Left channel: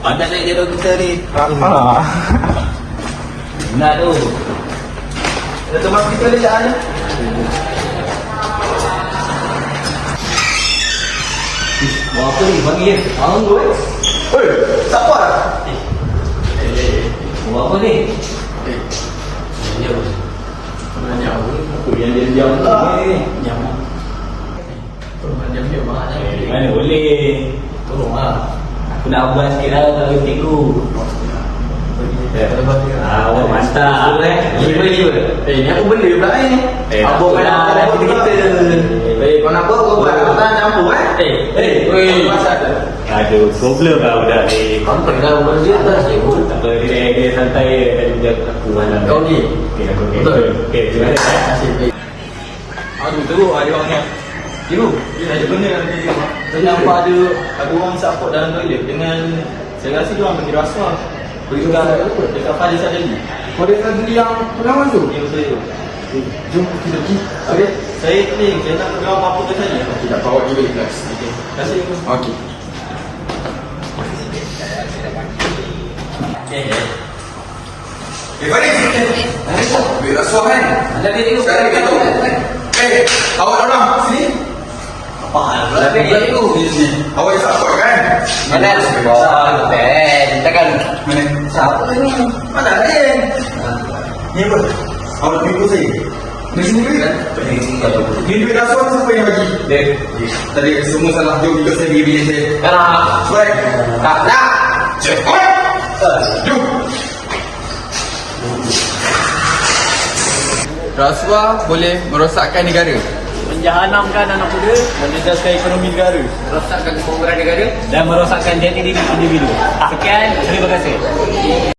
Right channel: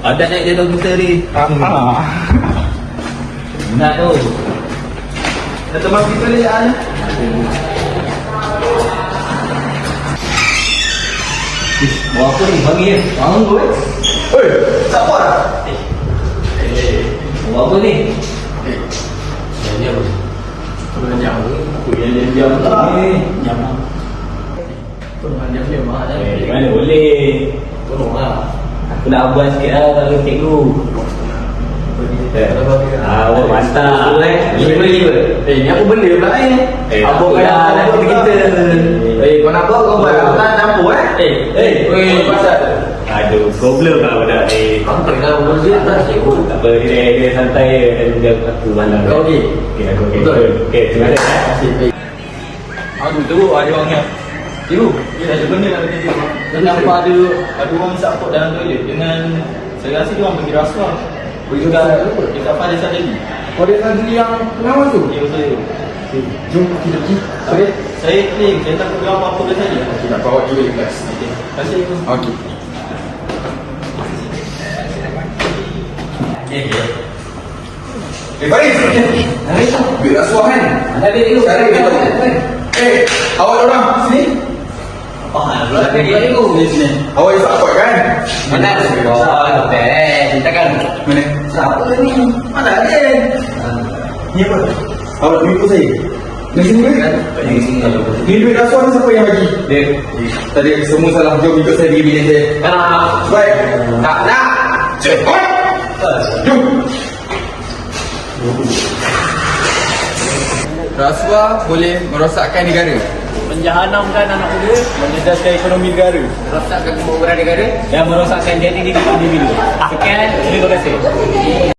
Ada nak jodoh kita ni. Apa? Nak tu. Ada teman kita ni tak ada? Mau apa ni? Panggil dia. Bangun tu. Hei, siapa? Mau apa ni? Diam. Sebenarnya Aku yang diam ni. Diam. Sebenarnya dia mana? Mana boleh. Tolonglah. Aku nak buat sikit lah kalau cikgu. Oh, mantap. Boleh beli ke? Ni aku benda pula ni. Abang dah kan kita. kau nak apa kau buat? Kau tak campur pasal. Aduh, problem lah budak ni. Kamu kena berusia tak cikgu? Tak apa, dia santai dan juga aku mana. Kau ni? Okey, aku Betul. okey, terima kasih. Aduh, teruk ada orang ni. Cikgu, dia ada benda dalam dia. Kenapa ada orang support dalam toilet dengan saya rasa dia orang bagi rasuah. Begitu dah dekat pada saya tadi. Kau dia nak beli yang pengawan tu? Dia saya. Jom kita pergi. Okey. Saya ni, saya tak tahu apa-apa ke tadi. Okey, nak bawa juga di kelas. Okey. Terima kasih cikgu. Okey. Faris. Ambil rasuah kan? Ada dia dulu. Saya betul. Awak orang sini. Tapi dia itu di sini. Awak support kan? Mana? Kita kan. Mana? Siapa tu ni? Mana ada? Ni apa? Awak tunggu saya. Di sini ke? Ni duit rasuah ni siapa yang bagi? Tadi semua salah. Jom ikut saya pergi bilik saya. Baik. Tak nak. Cepat. Jom. Rasuah boleh merosakkan negara. Menjahanamkan anak muda, menjejaskan ekonomi negara, Rosakkan kemakmuran negara dan merosakkan jati diri individu. Sekian, terima kasih.